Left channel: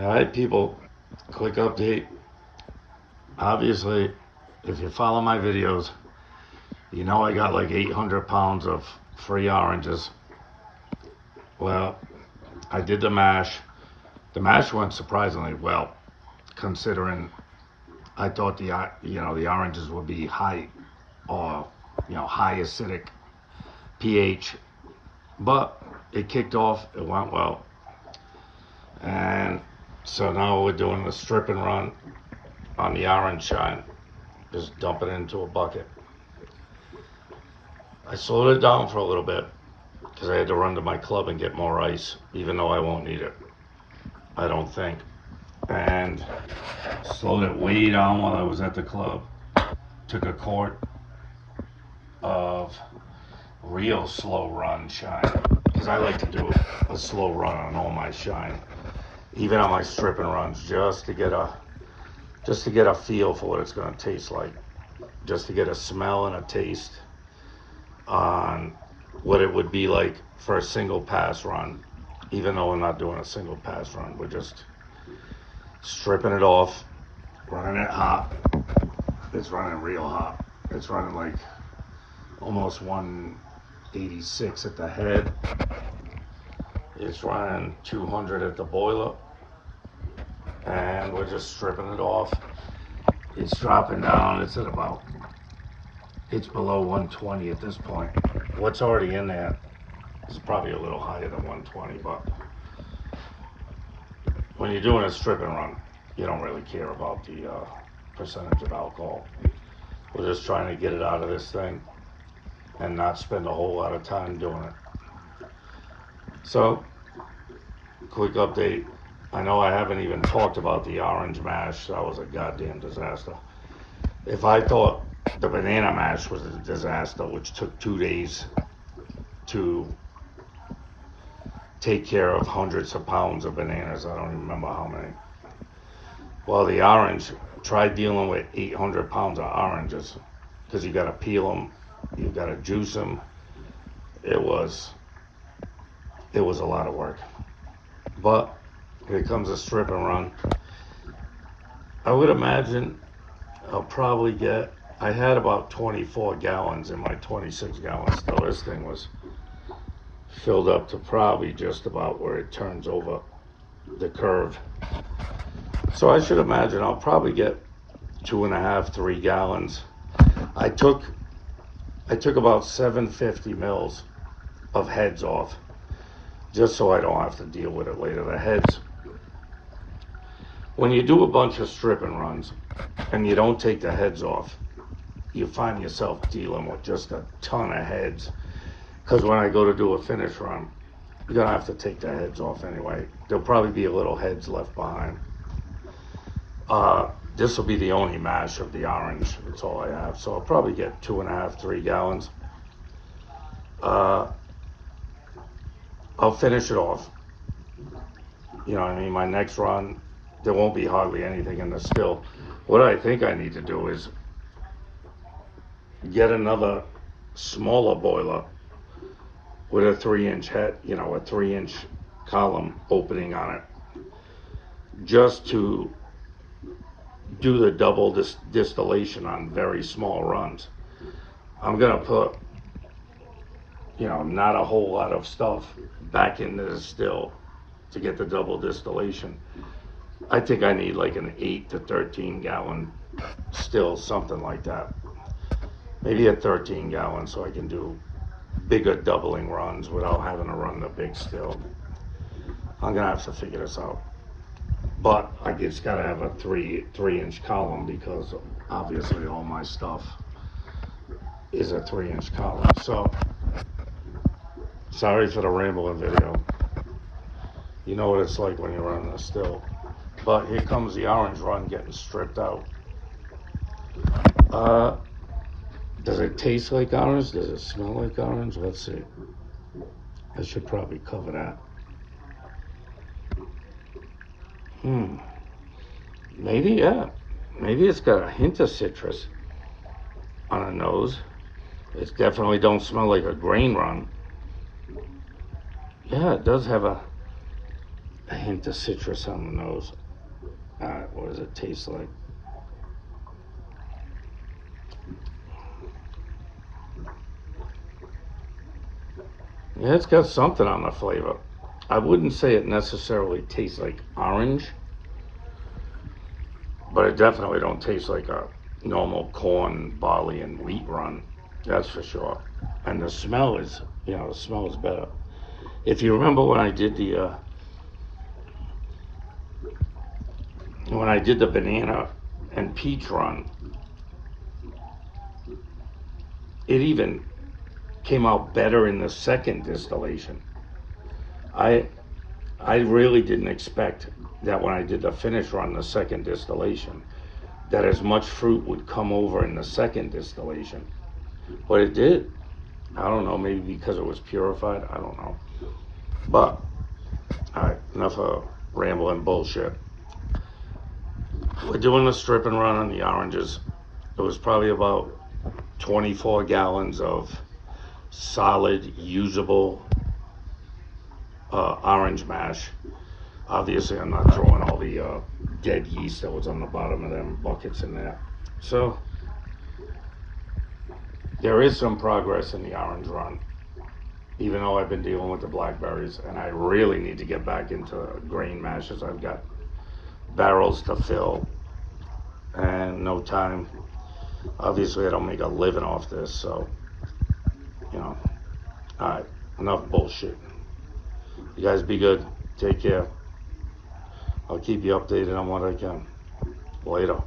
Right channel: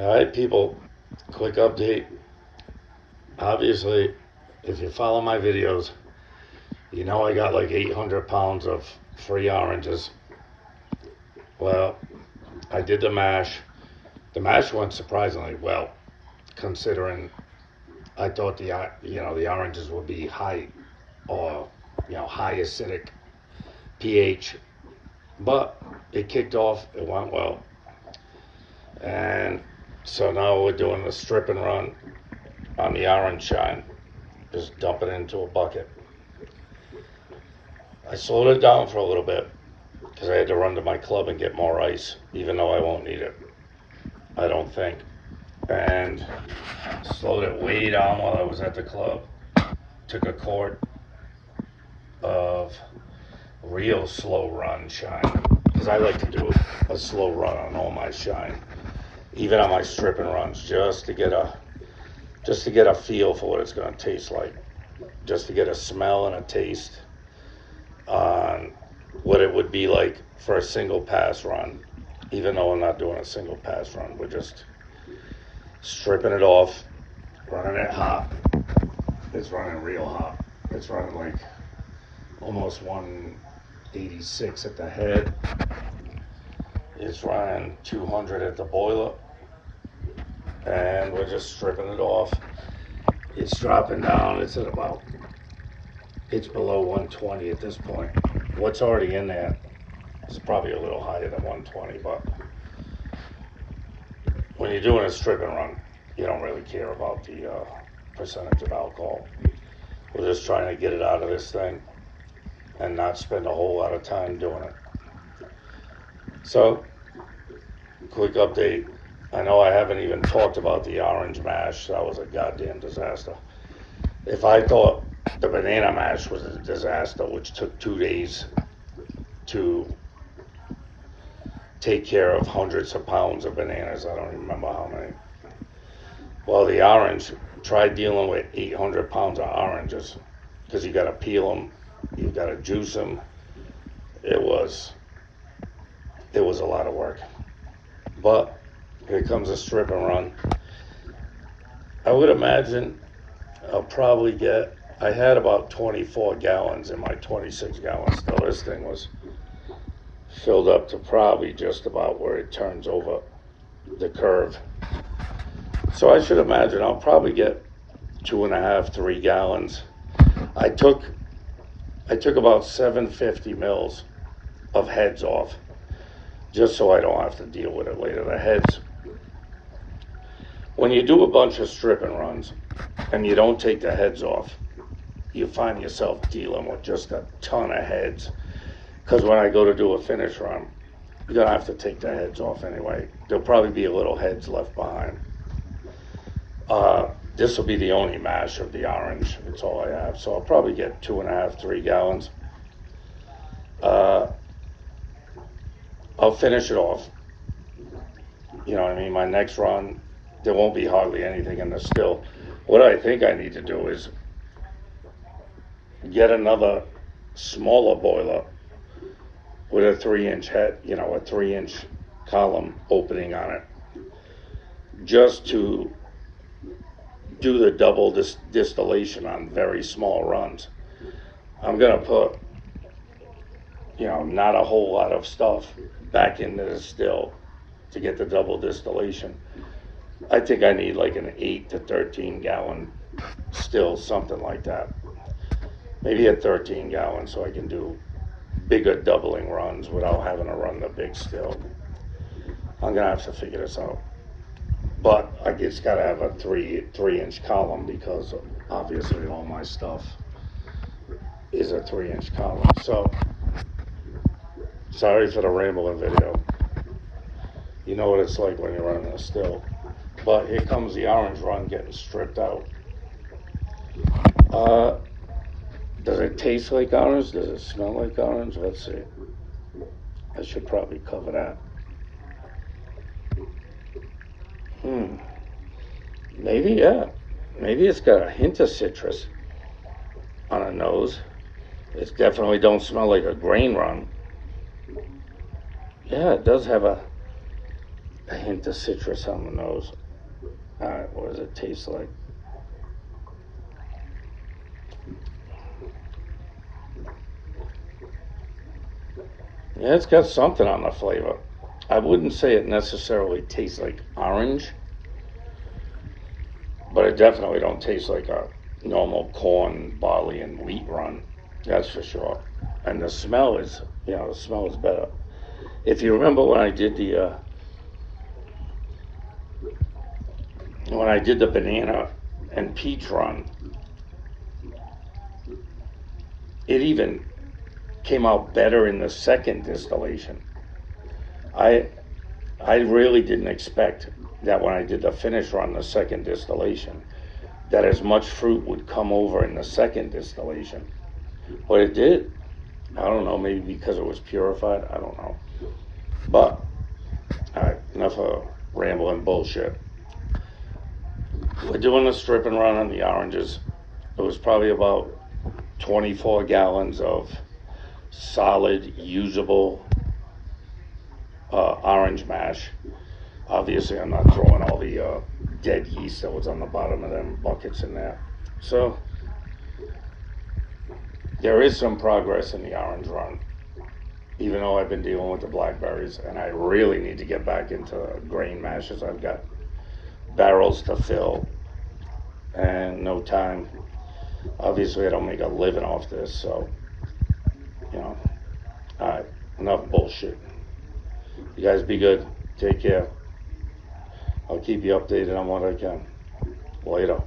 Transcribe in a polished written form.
All right, people, quick update. Obviously, if you follow my videos, you know I got like 800 pounds of free oranges. Well, I did the mash. The mash went surprisingly well, considering I thought the oranges would be high or high acidic pH, but it kicked off. It went well, and so now we're doing the strip and run on the orange shine. Just dump it into a bucket. I slowed it down for a little bit because I had to run to my club and get more ice, even though I won't need it, I don't think. And slowed it way down while I was at the club. Took a quart of real slow run shine, because I like to do a slow run on all my shine, even on my strip and runs, just to get a feel for what it's going to taste like, just to get a smell and a taste on what it would be like for a single pass run. Even though I'm not doing a single pass run, we're just stripping it off, running it hot. It's running real hot. It's running like almost 186 at the head. It's running 200 at the boiler, and we're just stripping it off. It's dropping down. It's below 120 at this point. What's already in there is probably a little higher than 120, but when you're doing a strip and run, you don't really care about the percentage of alcohol. We're just trying to get it out of this thing and not spend a whole lot of time doing it. So, quick update. I know I haven't even talked about the orange mash. That was a goddamn disaster. If I thought the banana mash was a disaster, which took 2 days to take care of hundreds of pounds of bananas, I don't remember how many. Well, the orange, try dealing with 800 pounds of oranges, because you got to peel them, you got to juice them. It was a lot of work. But here comes a strip and run. I would imagine I'll probably get, I had about 24 gallons in my 26 gallon still. This thing was filled up to probably just about where it turns over the curve. So I should imagine I'll probably get 2.5, 3 gallons. I took about 750 mils of heads off, just so I don't have to deal with it later. The heads, when you do a bunch of strip and runs and you don't take the heads off, you find yourself dealing with just a ton of heads. Because when I go to do a finish run, you're gonna have to take the heads off anyway. There'll probably be a little heads left behind. This will be the only mash of the orange. That's all I have. So I'll probably get 2.5, 3 gallons. I'll finish it off. You know what I mean? My next run, there won't be hardly anything in the still. What I think I need to do is get another smaller boiler with a 3-inch head, a 3-inch column opening on it, just to do the double distillation on very small runs. I'm gonna put, not a whole lot of stuff back into the still to get the double distillation. I think I need like an 8 to 13 gallon still, something like that. Maybe a 13 gallon, so I can do bigger doubling runs without having to run the big still. I'm gonna have to figure this out. But I just gotta have a 3-inch column, because obviously all my stuff is a 3-inch column. So, sorry for the rambling video. You know what it's like when you're running a still. But here comes the orange run getting stripped out. Does it taste like orange? Does it smell like orange? Let's see. I should probably cover that. Maybe, yeah. Maybe it's got a hint of citrus on the nose. It definitely don't smell like a grain run. Yeah, it does have a hint of citrus on the nose. What does it taste like? Yeah, it's got something on the flavor. I wouldn't say it necessarily tastes like orange, but it definitely don't taste like a normal corn, barley, and wheat run. That's for sure. And the smell is, the smell is better. If you remember when I did the banana and peach run, it even came out better in the second distillation. I really didn't expect that when I did the finish run, the second distillation, that as much fruit would come over in the second distillation. But it did. I don't know, maybe because it was purified. I don't know. But, all right, enough of rambling bullshit. We're doing a strip and run on the oranges. It was probably about 24 gallons of solid, usable orange mash. Obviously, I'm not throwing all the dead yeast that was on the bottom of them buckets in there. So, there is some progress in the orange run, even though I've been dealing with the blackberries, and I really need to get back into grain mashes. I've got barrels to fill and no time. Obviously, I don't make a living off this, so, all right, enough bullshit. You guys be good. Take care. I'll keep you updated on what I can. Later.